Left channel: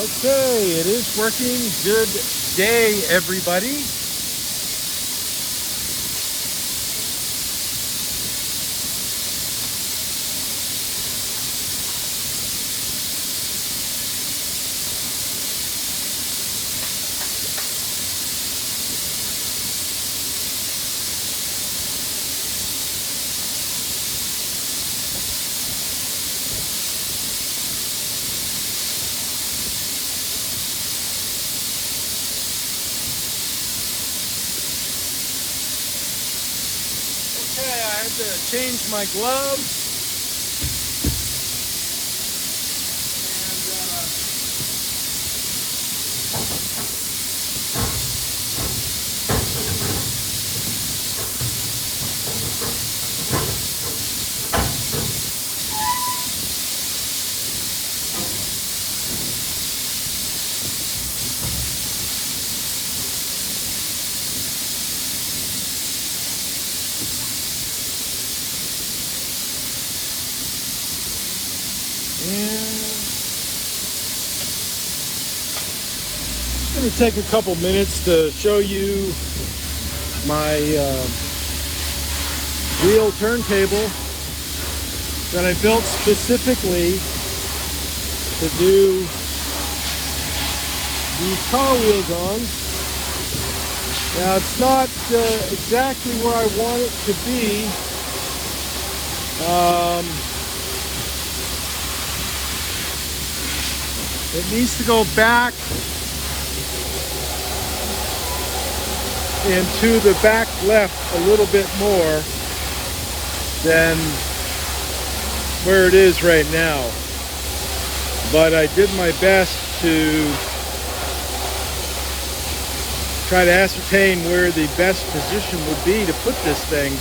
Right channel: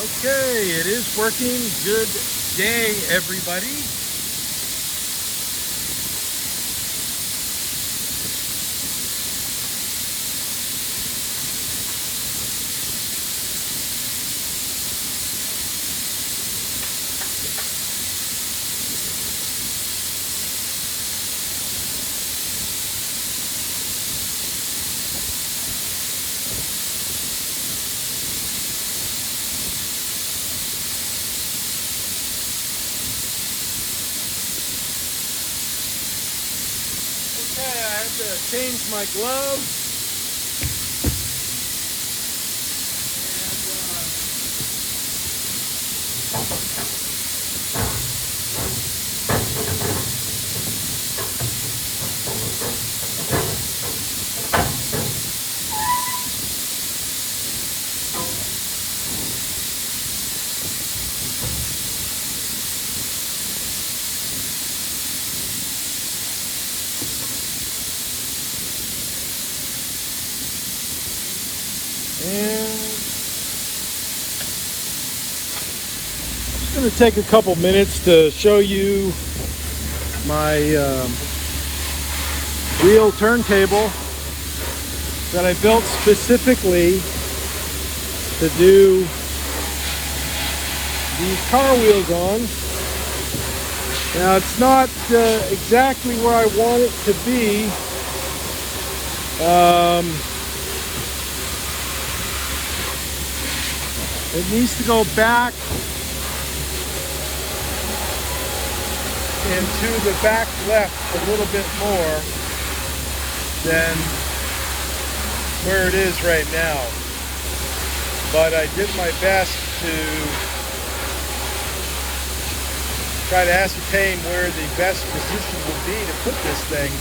Okay, it is working. Good day, everybody. Change my gloves. I'm going to take a couple minutes to show you my wheel turntable that I built specifically to do these car wheels on. Now it's not exactly where I want it to be. It needs to go back into the back left a little bit more than where it is right now. But I did my best to try to ascertain where the best position would be to put this thing.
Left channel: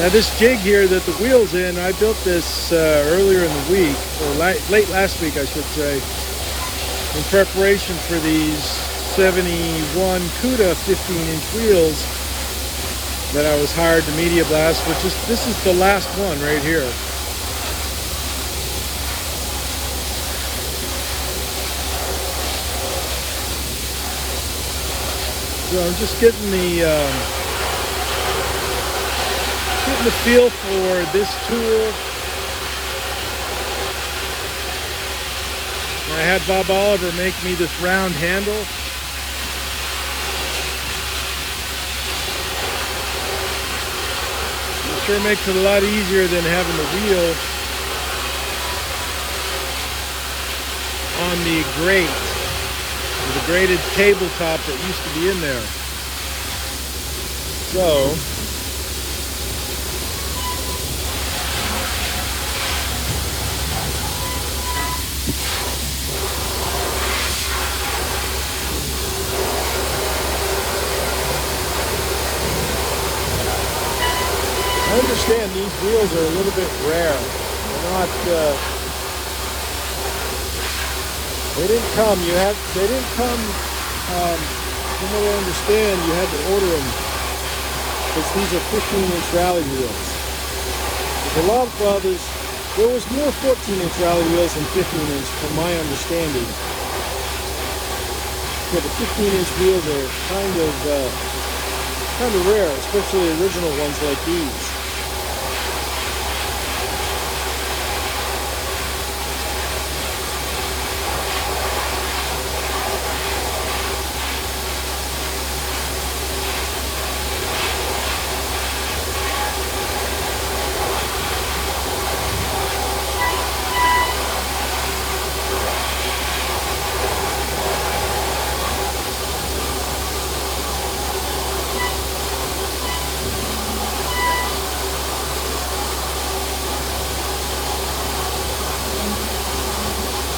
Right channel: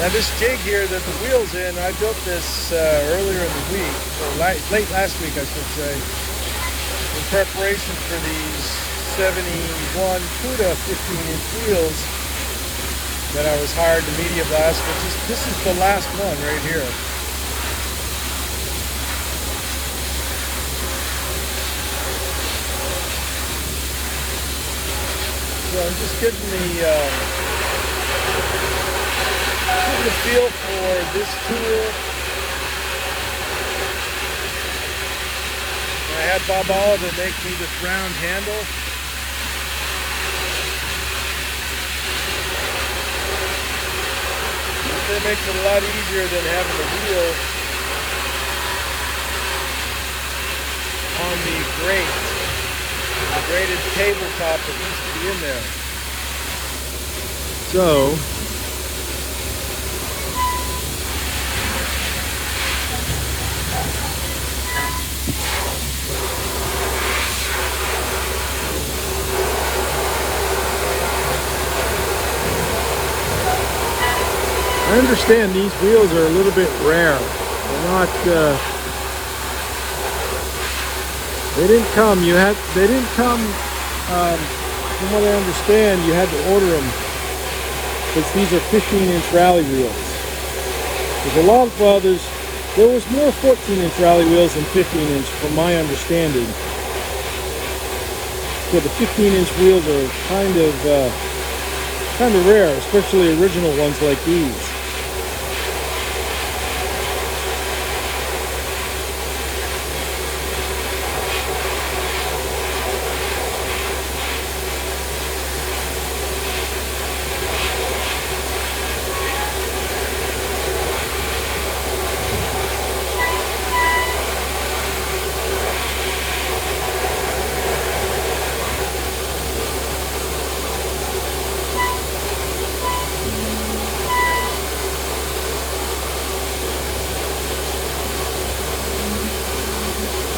Now this jig here that the wheel's in, I built this earlier in the week, or late last week I should say, in preparation for these 71 CUDA 15-inch wheels that I was hired to media blast, but this is the last one right here. So I'm just getting the feel for this tool. I had Bob to make me this round handle. It makes it a lot easier than having a wheel on the grate, the braided tabletop that used to be in there. So I understand these wheels are a little bit rare. They're not, they didn't come, from what I understand, you had to order them, because these are 15-inch rally wheels. There's a lot of others, there was more 14-inch rally wheels than 15-inch, from my understanding. So the 15-inch wheels are kind of rare, especially original ones like these.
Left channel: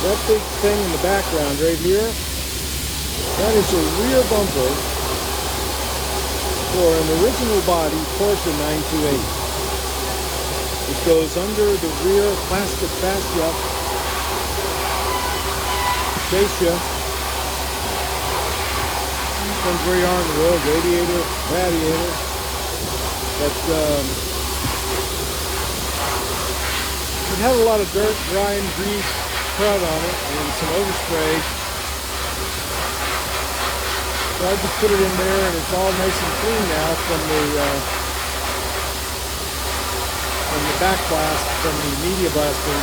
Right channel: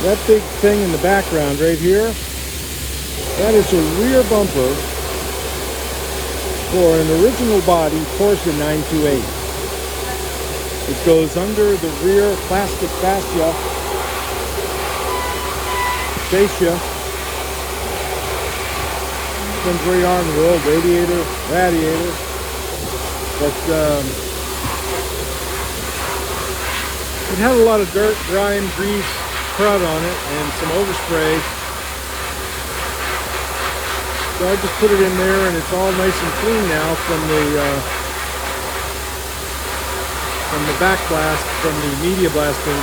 That big thing in the background right here, that is a rear bumper for an original body Porsche 928. It goes under the rear plastic fascia comes right on the road, radiator, but it had a lot of dirt, grime, grease, crud on it and some overspray. So I just put it in there and it's all nice and clean now from the back blast, from the media blasting.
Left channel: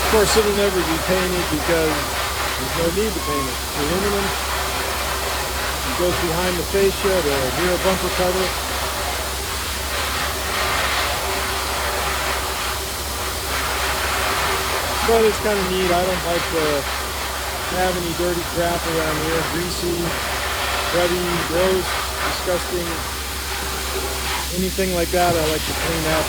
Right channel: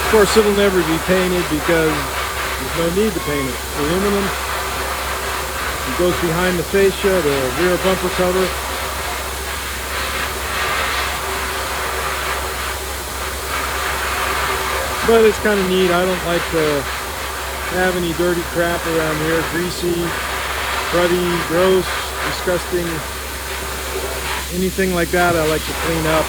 Of course, it'll never be painted because there's no need to paint it. It's aluminum. It goes behind the fascia, the rear bumper cover. But it's kind of neat. I don't like to have any dirty crap around here. Greasy, cruddy, gross, disgusting. Anything like that I like to clean up.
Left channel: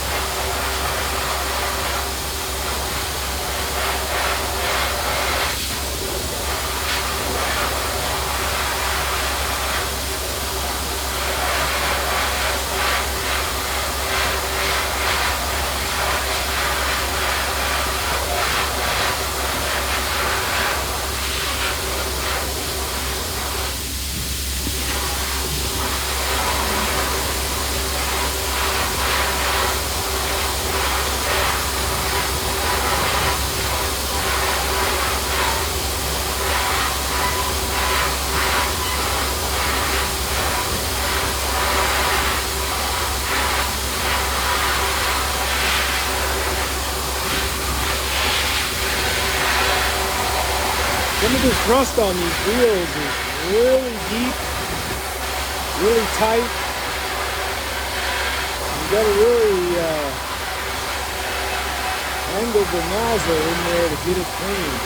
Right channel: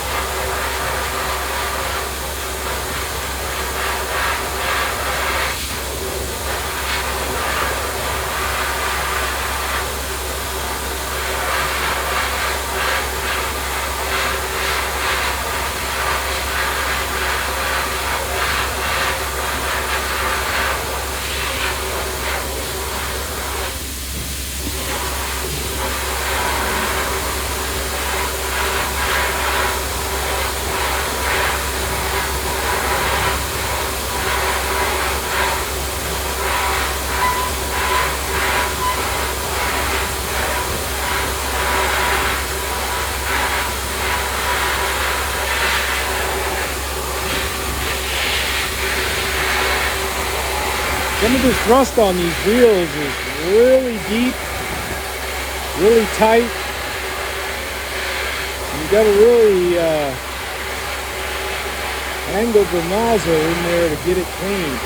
Some of this rust on these wheels is really deep, really tight. You got to really angle the nozzle in there to get it clean.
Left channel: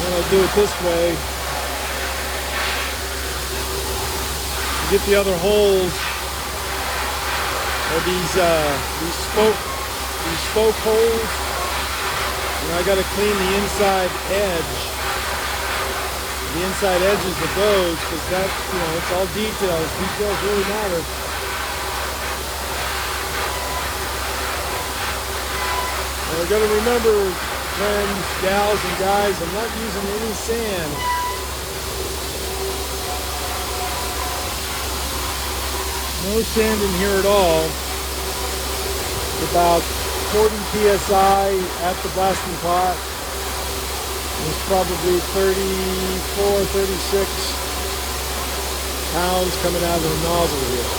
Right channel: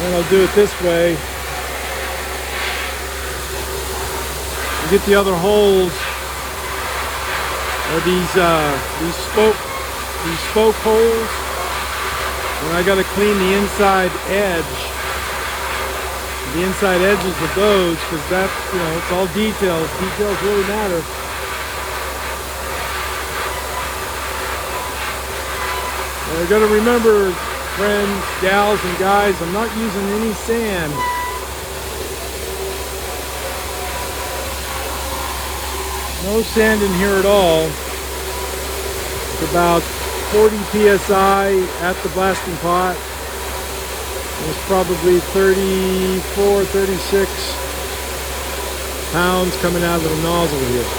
And I'll do it this way. Get the other holes or these spoke holes, and I got to clean the inside edges of those, because that's, you know, it's all details. Details really matter. Well, I got to remember, friends, gals, and guys, I'm not using any sand. No sand in here at all. It's about 40 psi at the blasting pot. It's probably 34, 36 pounds coming out of the nozzle here.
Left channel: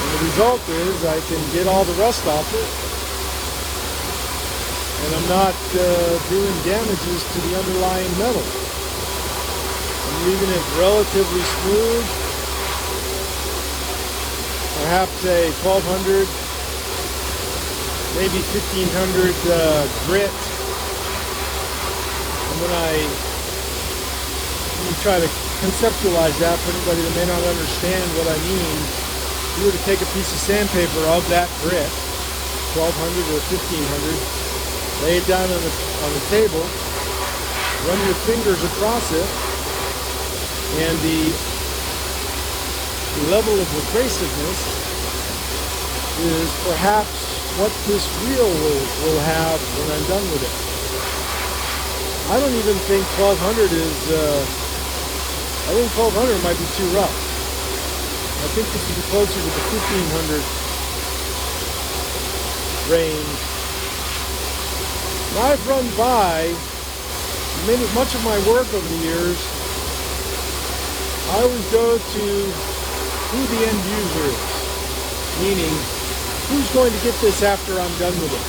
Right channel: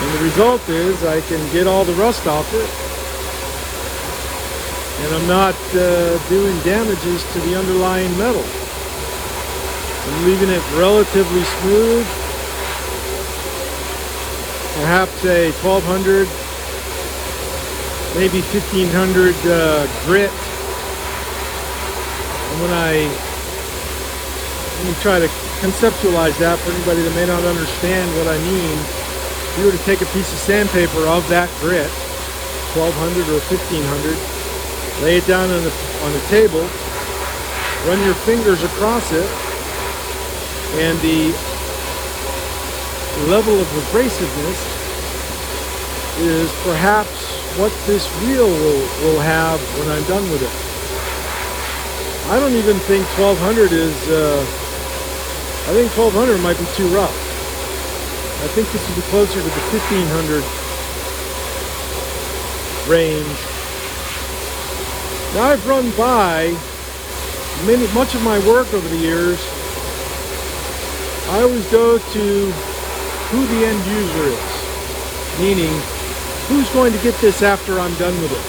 And the result is I can get all the rust off it, and I'm not doing damages to the underlying metal. I'm leaving it relatively smooth, perhaps a 1200, maybe 1500 grit. And when let me try to conceptualize that for anybody that may not understand what I mean. If you were to take a piece of sandpaper of that grit, 1200 or 1500, lay it down on the table, run your fingers across it, and the level of abrasiveness is perhaps what this wheel will have when I'm done with it. I don't even think 1200 is, I think 1200 might be too rough. I think this would be closer to the 1500 range. Now, I've run by much of my work over the years. I always go to who the end user is, meaning who's going to get this after I'm done with it.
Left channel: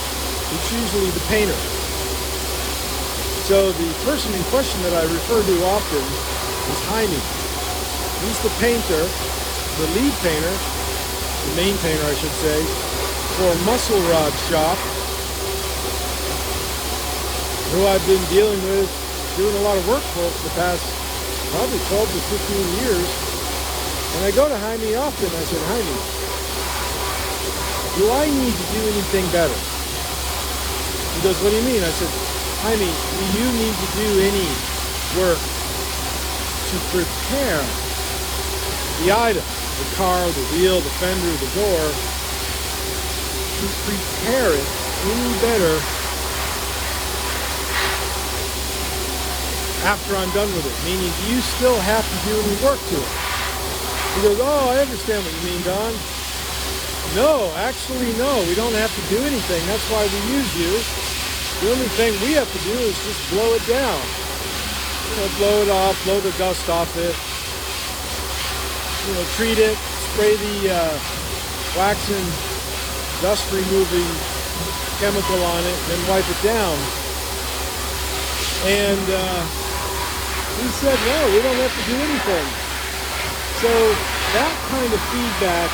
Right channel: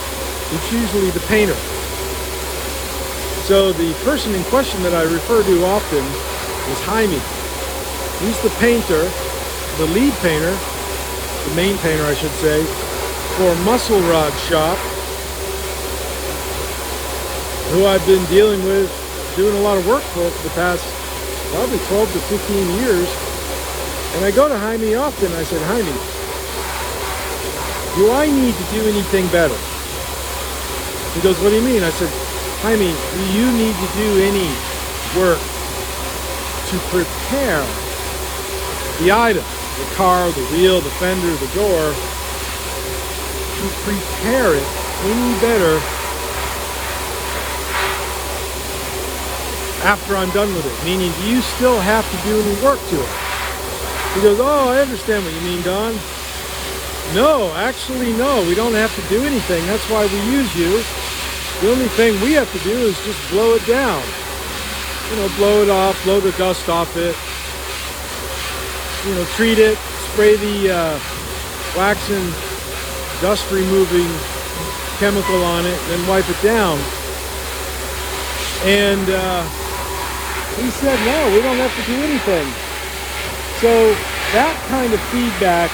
It's usually the painter. So the person in question that I refer to often is Jaime. He's the painter, the lead painter, the main painter I should say, for a muscle rod shop, who I've been dealing with, doing a lot of work for the past probably 12 to 15 years. And I go to Jaime often. I said, Jaime, do I need to do anything better? He goes, what do you mean? I said, I mean, you need to do any work to prepare the item, the car, the wheel, the fender, the door, to prepare it any better after I'm done with it. Meaning, do you still have to do any work to it? He goes, oh, I understand what you mean, Don. No, actually, no, we don't have to do anything. That's why we use you. The only thing we have to do is just blow it down. You know, blow it off, blow the dust off it. You know, treat it, spray the wax and dust removing chemical on it, then wipe it down. And he said, no, we don't have to do anything. So that kind of feedback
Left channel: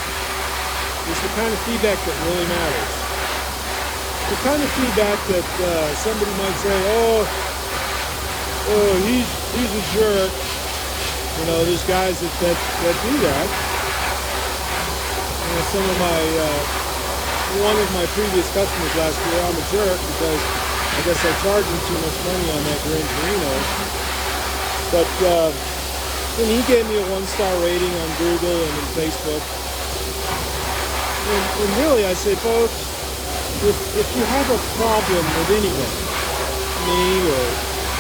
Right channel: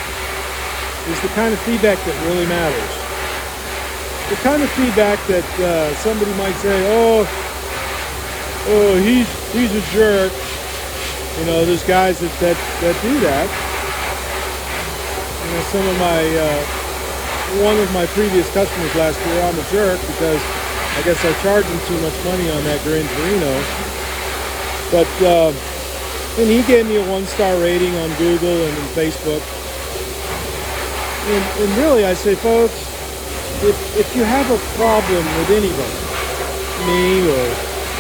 is the kind of feedback that really matters. The kind of feedback that somebody might say, oh, he's a jerk. You know, there's guys that do that. You know, some of my, one of my previous customers last year, I'm a jerk because I guess I charged him too much money on that Gran Torino. But, and he gave me a 1-star rating on Google and on Facebook. And really, I say, folks, if you have a problem with anyone, me or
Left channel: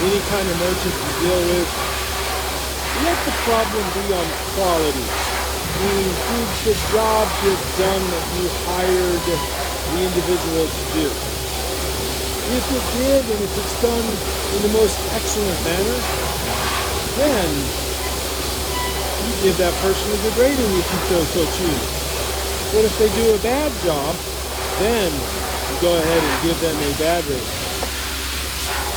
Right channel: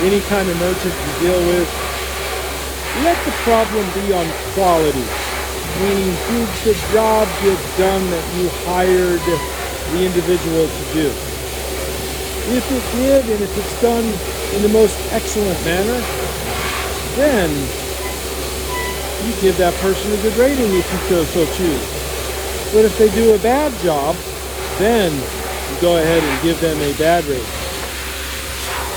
any kind of merchant you deal with, let the problem be on quality. Meaning, did the job get done that you hired the individual to do? If it did, and if it's done in the most excellent manner, then you give that person a good rating if you so choose. But if they do a bad job, then you go ahead and give them a bad rating.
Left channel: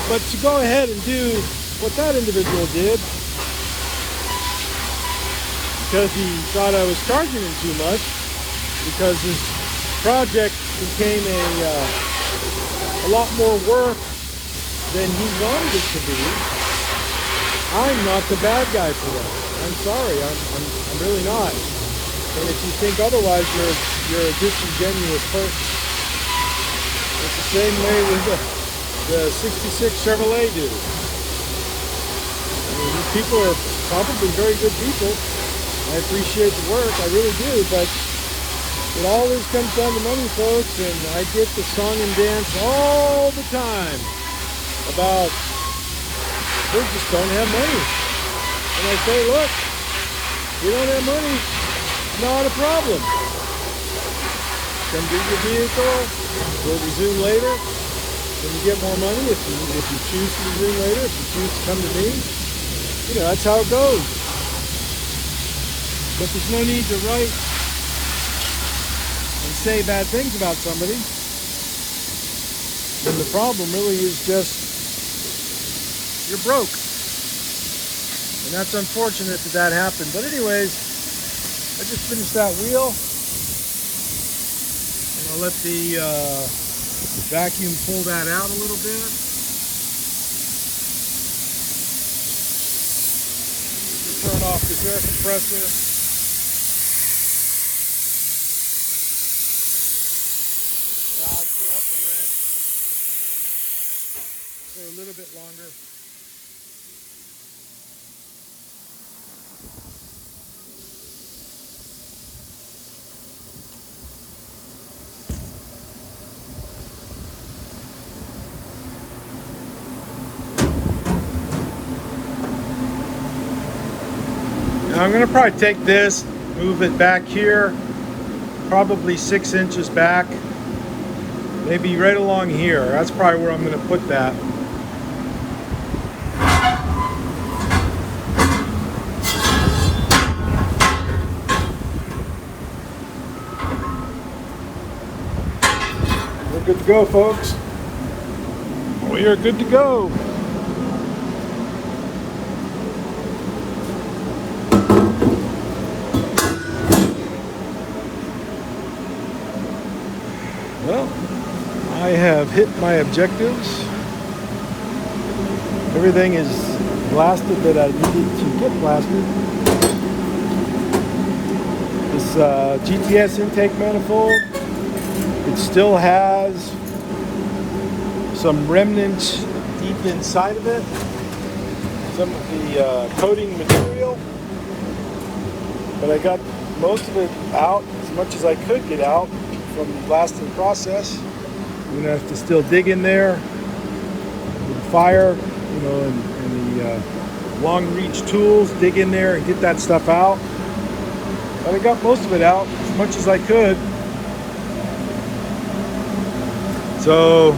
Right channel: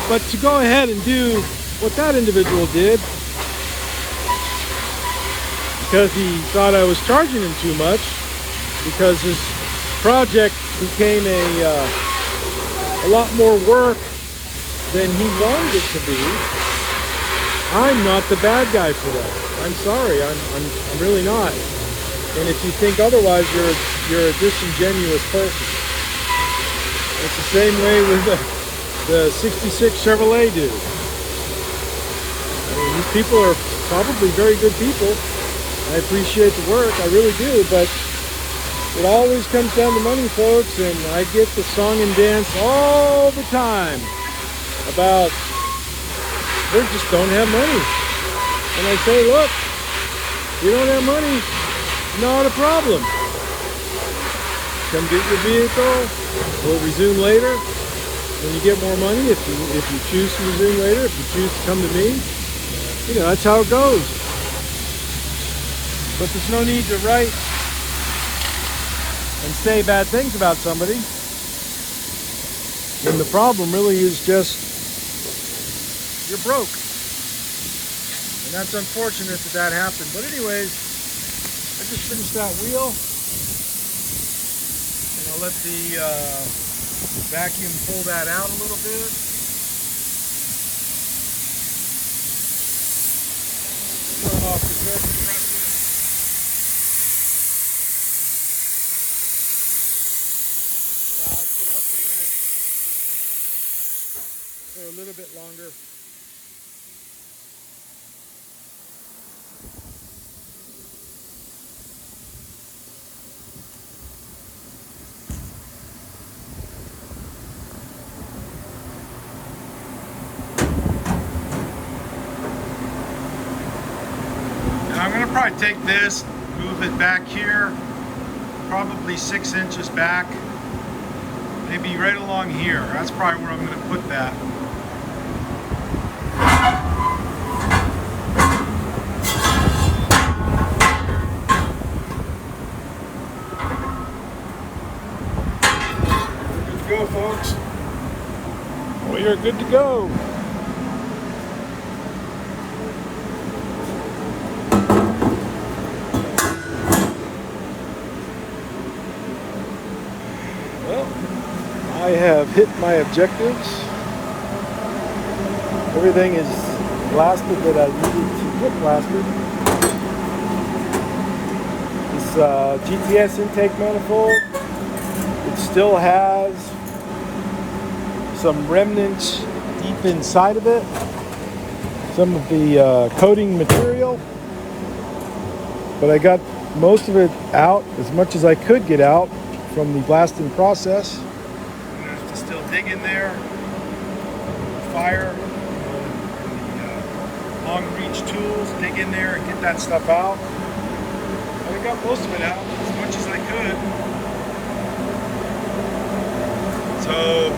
But to go ahead and do what that individual did, because he thought I was charging him too much, because his project became a lot more work than he wanted it to be, I'm not the bad guy for that. I'm sorry, I'm really not. And if you think otherwise, you're a disingenuous person. It's the same way with the 66 Chevrolet dude. I mean, these people are probably very good people. I appreciate the work, I really do, but it always comes down to money, folks, and I get the song and dance all the time about we just don't have money. And I say, look, we don't have money. Not a problem. Come get your vehicle. We'll resume later. When you get more money, if you choose to resume later, if you choose to come to me, you know, that's how it goes. But there's no need to write and say bad things about somebody. And the problem really is just you're broke. And that's unfortunate that happened. But anyways, I just finished that wheel, and I'll let the vacuum pull that out a little bit. Turn off the air compressor. For a little bit longer. I'm going to probably take this, move it back here, probably 6 inches back, maybe right along here. That's probably where I'm going to put that. We're good to go, folks. We are good to go. Intake manifold. It still has some remnants keep inside of it some of the coating material, but I got most of it out, as much as I could get out from the blasting process. I'm gonna have to still dig in there with the fire, you know, and the long reach tools, dig in there and get that stuff out. But I got most of it out as much as I could. So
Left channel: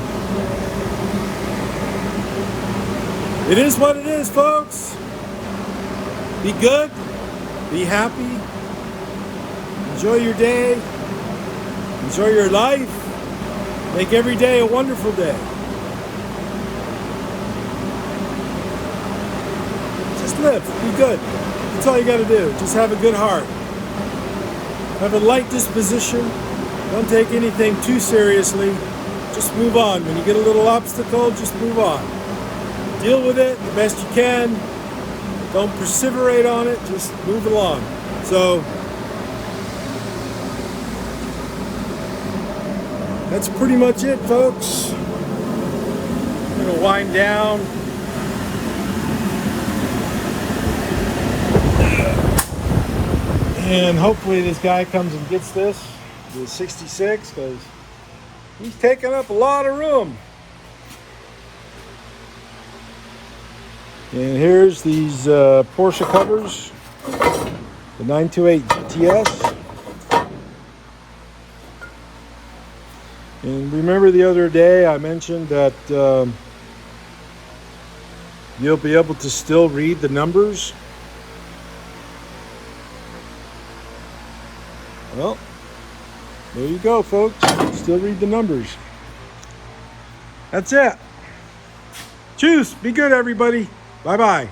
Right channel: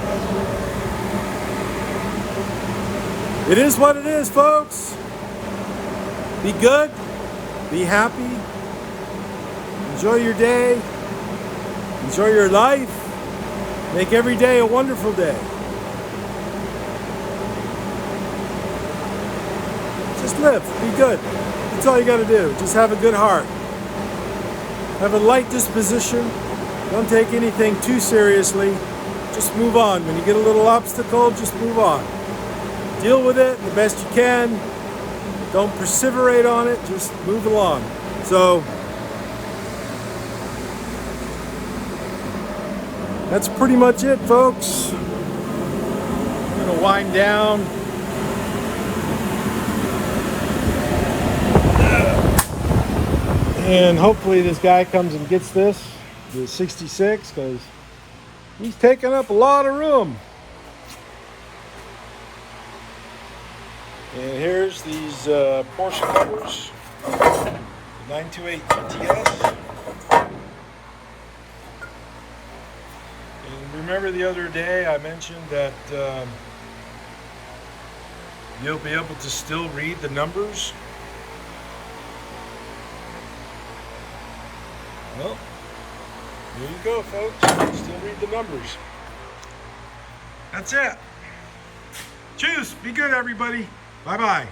it is what it is, folks. Be good, be happy, enjoy your day, enjoy your life, make every day a wonderful day. Just live, be good. That's all you gotta do. Just have a good heart. Have a light disposition. Don't take anything too seriously. Just move on. When you get a little obstacle, just move on. Deal with it the best you can. Don't perseverate on it. Just move along. So that's pretty much it, folks. I'm gonna wind down. And hopefully this guy comes and gets this, the 66, because he's taking up a lot of room. And here's these Porsche covers, the 928 GTS. And remember the other day I mentioned that you'll be able to still read the numbers. Well, there you go, folks. Still read the numbers. That's it. Cheers. Be good, everybody. Bye-bye.